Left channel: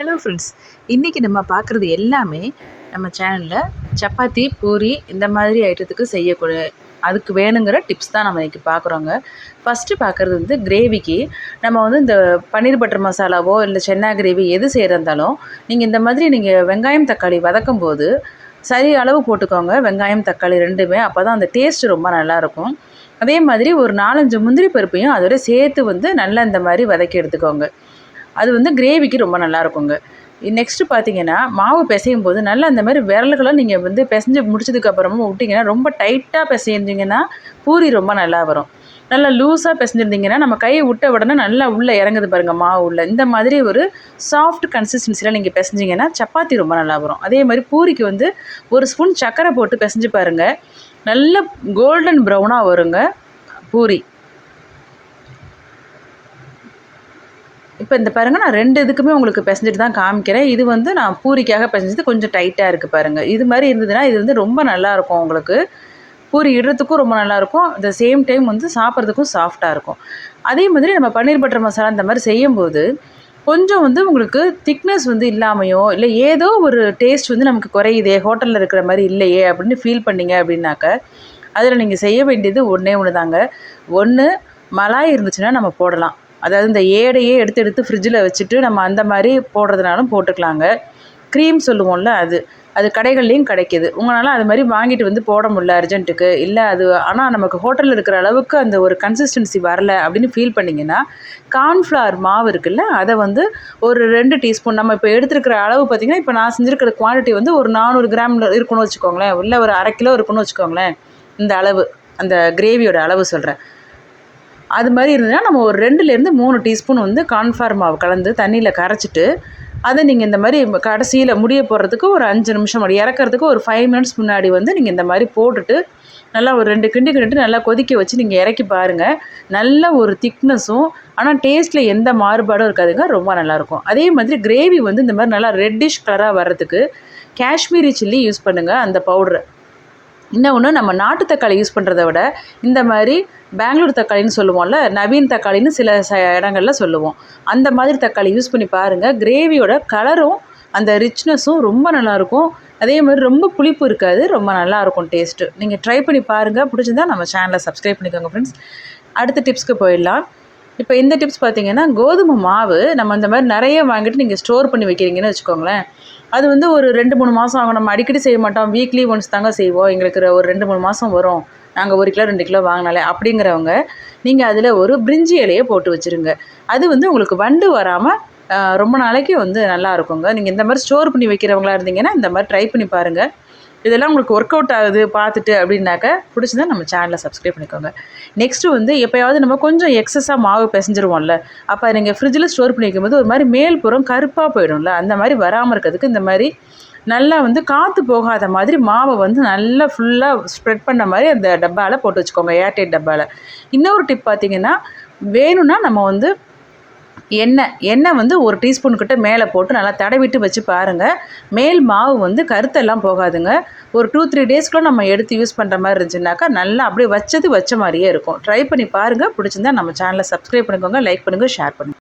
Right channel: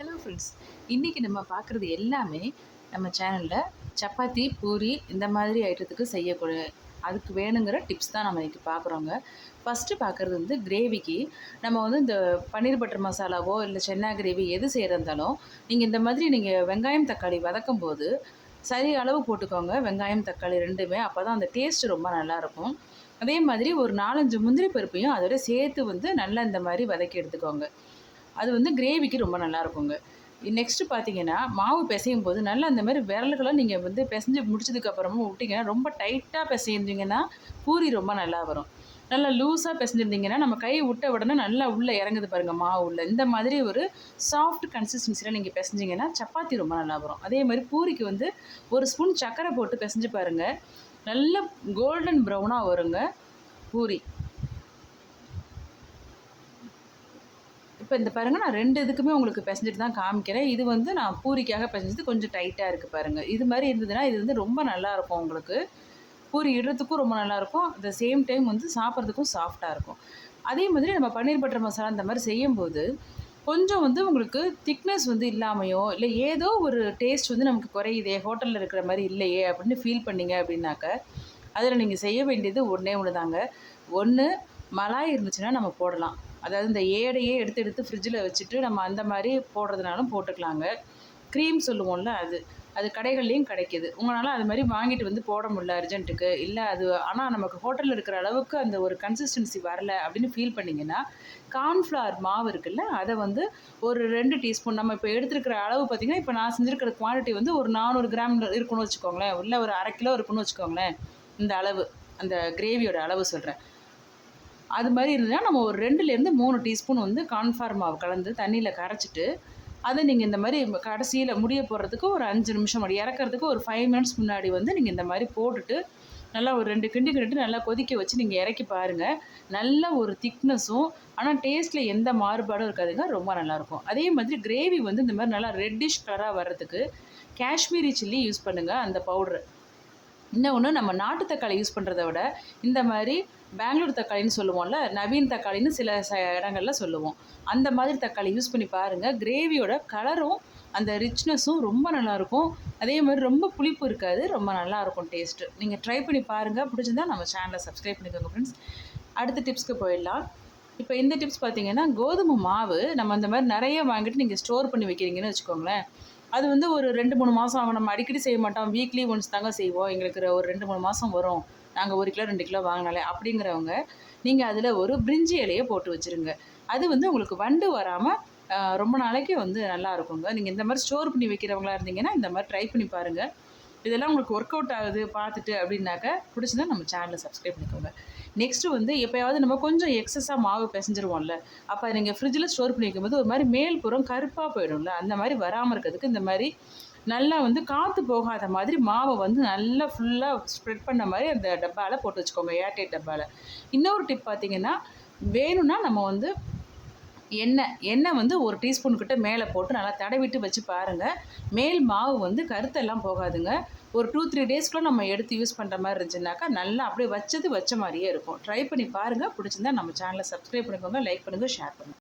Hello friends, இன்றைக்கி நம்ம பார்க்குறது எல்லாமே நம்ம சேனலில் சப்பாத்தி, பூரி இந்த மாதிரி ஐட்டத்துக்கு செய்யக்கூடிய அதுக்கு வேணுங்கிற டிப்ஸ் தான் நம்ம இன்றைக்கி பார்க்குறோங்க. ஃபஸ்ட்டு பார்க்குறது வந்து கிரேவிக்கு நம்ம வந்து இந்த பன்னீர் பட்டர் மசாலாவோ இல்லை சென்னா கிரேவி எது செய்கிறந்தாலும் நீங்கள் இந்த மாதிரி நீங்கள் வெங்காயம் தக்காளி வதக்கும் போது சரி அளவு போட்டுக்கோங்க. வெங்காயம் தக்காளி ரெண்டுமே, அப்போ தான் அந்த டேஸ்ட்டு ரொம்ப நல்லாயிருக்கும். அதே மாதிரி ஒரு 4-5 முந்திரி பருப்பையும் அதோட சேர்த்து வந்து நல்லா இந்த மாதிரி வதக்கி எடுத்துக்கோங்க. அது வந்து கிரேவிக்கு ரொம்ப நல்லாயிருக்குங்க. நெக்ஸ்ட்டு பார்த்தீங்கன்னா, மாவு பிசையும் போது நல்லா அந்த மாதிரி விரல்கள நீங்கள் வந்து பிசைஞ்சு முடிச்சதுக்கப்புறமா விட்டிங்கன்னா, ரொம்ப டைட்டாக பிசைஞ்சிங்கன்னா பூரி ரொம்ப நல்லா வரும். நல்லா லூஸாக பிசைஞ்சிருந்தீங்கன்னா, நம்ம கையை விட்ட உடனே நல்லா உள்ளே இறங்குது பாருங்கள் மாவு உள்ள. இந்த மாதிரி ஒரு சாஃப்ட் கன்சிஸ்டன்சியில் நீங்கள் பிசைஞ்சிங்கன்னா சப்பாத்தி ரொம்ப நல்லா வரும். அதே மாதிரி பூரிக்கு வந்து ஒரு ஸ்பூன் சர்க்கரை போட்டு பிசைஞ்சு பாருங்கள். நல்ல கோல்டன் ப்ரௌனாக வருங்க பூரி. இப்போ இந்த பாருங்கள், நான் 2 இதுக்குமே உங்களுக்கு பிசைஞ்சிட்டு தான் காமிக்கிறேன். இது வந்து நான் பூரிக்காக பிசைஞ்சது கொஞ்சம் டைட்டாக இருக்குது பாருங்கள். இது மாதிரி இருந்ததுன்னா இது வந்து ரொம்ப நல்லாயிருக்கும் உங்களுக்கு. பூரி இடுறதுக்கும் ரொம்ப நல்லாயிருக்கும். அட் த சேம் டைம் வந்து சாப்பிட்றதுக்கும் சாஃப்டாக இருக்கும். அதே மாதிரி நம்ம பன்னீர் பட்டர் மசாலா இந்த மாதிரி செய்யும்போது கொஞ்சம் வந்து உங்களுக்கு திக்னஸ் வந்து இல்லாமையோ, இல்லை ஏதோ ஒரு டேஸ்ட் வந்து நமக்கு குறையுதே, ஹோட்டலில் இருக்கிற மாதிரி இல்லையே அப்படின்னு ஃபீல் பண்ணீங்க அப்படின்னாக்க, அதில் நீங்கள் செய்ய வேண்டியது ஒன்றே ஒன்று தாங்க. ஒன்று மலாய் இருந்துச்சுன்னா நம்ம போடலாம். அதாவது இந்த ஏடையே எடுத்து எடுத்து ஃப்ரிட்ஜில் வச்சுட்டு நம்ம அந்த மாதிரி போடுறதுனாலும் போட்டுக்கலாங்க. க்ரீம் சொல்லுவோம்ல அது. அது கடைகள்லேயும் கிடைக்கிது. உங்களால் அது மாதிரி வாங்கிட்டு வந்து போட முடியல அர்ஜென்ட்டுக்கு, இல்லை அது ஆனால் நமக்கு ஹோட்டலில் இருக்கிற அளவுக்கு அந்த ஒரு கன்சிஸ்டன்சி வரல அப்படின்னு ஃபீல் பண்ணிங்கன்னா, கார்ன்ஃப்ளவர் மாவு இருக்குல்ல, அதை வந்து ஒரு 2 டீஸ்பூன் நம்ம இப்போ எடுத்துருக்கிற அளவு பார்த்திங்கன்னா, இப்போ நான் செஞ்சுருக்கிற குவான்டிட்டி வந்து ஒரு 400 கிராம் இருக்குன்னு வச்சுக்கோங்களேன், இல்லை ஒரு 1/2 கிலோ இருக்குன்னு வச்சுக்கோங்களேன். இந்த அளவு அந்த கிரேவியோட அளவு சொல்கிறேன். அது மாதிரி இருந்ததுன்னா நம்ம ஒரு 2லேருந்து 3 டீஸ்பூன் வந்து கார்ன்ஃப்ளவர் மாவு கலந்து தண்ணியில் கரைச்சிட்டு, அதை நீங்கள் இந்த மாதிரி கடைசியில் முடிய போடுறதுக்கு ஒரு 5 நிமிஷம் முன்னாடி, இறக்கிறதுக்கு ஒரு 5 மினிட்ஸ் முன்னாடி வந்து நீங்கள் இந்த மாதிரி போட்டுட்டு நல்லா ஒரு 2 கிண்டு கிண்டிட்டு நல்லா கொதிக்க வச்சு நீங்கள் இறக்கி பாருங்கள். நல்ல ஒரு திக்னஸும் ஆனால் டேஸ்ட்டில் எந்த மாறுபாடும் இருக்காதுங்க. ரொம்ப நல்லாயிருக்கும். அதே மாதிரி கிரேவி வந்து இந்த மாதிரி நல்லா ரெட்டிஷ் கலராக வர்றதுக்கு காஷ்மீரி சில்லி யூஸ் பண்ணுங்கள் அந்த பவுட்ரு. இன்னொன்று, நம்ம நாட்டு தக்காளி யூஸ் பண்ணுறத விட இந்த மாதிரி பெங்களூர் தக்காளின்னு சொல்லுவோம்ல, நவீன் தக்காளின்னு சில இடங்களில் சொல்லுவோம். அந்த மாதிரி தக்காளி யூஸ் பண்ணி பாருங்கள். கிரேவியோட கலரும் அந்த ரிச்னஸும் ரொம்ப நல்லாயிருக்கும். அதே மாதிரி ரொம்ப புளிப்பு இருக்காது. ரொம்ப நல்லாயிருக்கும் டேஸ்ட்டு. நீங்கள் ட்ரை பண்ணி பாருங்கள். பிடிச்சிருந்தா நம்ம சேனலை சப்ஸ்கிரைப் பண்ணிக்கோங்க ஃப்ரெண்ட்ஸ். அடுத்த டிப்ஸ்க்கு போயிடலாம். இப்போ இந்த டிப்ஸ் பார்த்தீங்கன்னா, கோதுமை மாவு நம்ம அந்த மாதிரி நிறைய வாங்கிட்டு நீங்கள் ஸ்டோர் பண்ணி வைக்கிறீங்கன்னு வச்சுக்கோங்களேன். அது வந்து ஒரு 2, 3 மாதம் ஆகும். நம்ம அடிக்கடி செய்ய மாட்டோம். வீக்லி ஒன்ஸ் தாங்க செய்வோம். எங்களுக்கு ஒரு 2, 3 மாதம் வரும். நாங்கள் 1 கிலோ 2 கிலோ வாங்கினாலே அப்படிங்கிறவங்க, நீங்கள் அதில் ஒரு பிரிஞ்சி இலையை போட்டு வச்சுருங்க. அது வந்து உங்களுக்கு வண்டு வராமல் ரொம்ப நாளைக்கு வந்து நல்லா இருக்குங்க. நீங்கள் இந்த மாதிரி ஸ்டோர் பண்ணி வைக்கிறவங்களா இருந்தீங்கன்னா இந்த மாதிரி ட்ரை பண்ணி பாருங்கள். இதெல்லாம் உங்களுக்கு ஒர்க் அவுட் ஆகுது பார்த்துட்டு அப்படின்னாக்க பிடிச்சிருந்தா நம்ம சேனலை சப்ஸ்கிரைப் பண்ணிக்கோங்க. நெக்ஸ்ட்டு வந்து எப்போயாவது நம்ம கொஞ்சம் எக்ஸஸாக மாவு பிசைஞ்சிருவோம்ல, அப்போ நீங்கள் ஃப்ரிட்ஜில் ஸ்டோர் பண்ணி வைக்கும்போது ஒரு மாதிரி மேல் புறம் கருப்பாக போயிடும்ல, அந்த மாதிரி வராமல் இருக்கிறதுக்கு இந்த மாதிரி நல்லா வந்து காற்று போகாத மாதிரி மாவை வந்து நல்லா ஃபுல்லாக ஸ்ப்ரெட் பண்ண மாதிரி அந்த டப்பாவில் போட்டு வச்சுக்கோங்க, ஏர்டைட் டப்பாவில். இன்னொரு டிப் பார்த்திங்கன்னா, வேணும்னா நம்ம வந்து எண்ணெய் வந்து 1 டீஸ்பூன் கிட்ட மேலே போட்டு நல்லா தடவிட்டு வச்சு பாருங்கள். மேல் மாவு வந்து கருத்தெல்லாம் போகாதுங்க. ஒரு 2-3 டேஸ்க்குள்ள நம்ம எடுத்து யூஸ் பண்ணுற மாதிரி இருந்துச்சுனாக்கா நல்லா அப்படியே வச்சது வச்ச மாதிரியே இருக்கும். ட்ரை பண்ணி பாருங்கள். பிடிச்சிருந்தா நம்ம சேனலை சப்ஸ்கிரைப் பண்ணிக்கோங்க, லைக் பண்ணுங்கள், ஷேர் பண்ணுங்கள்.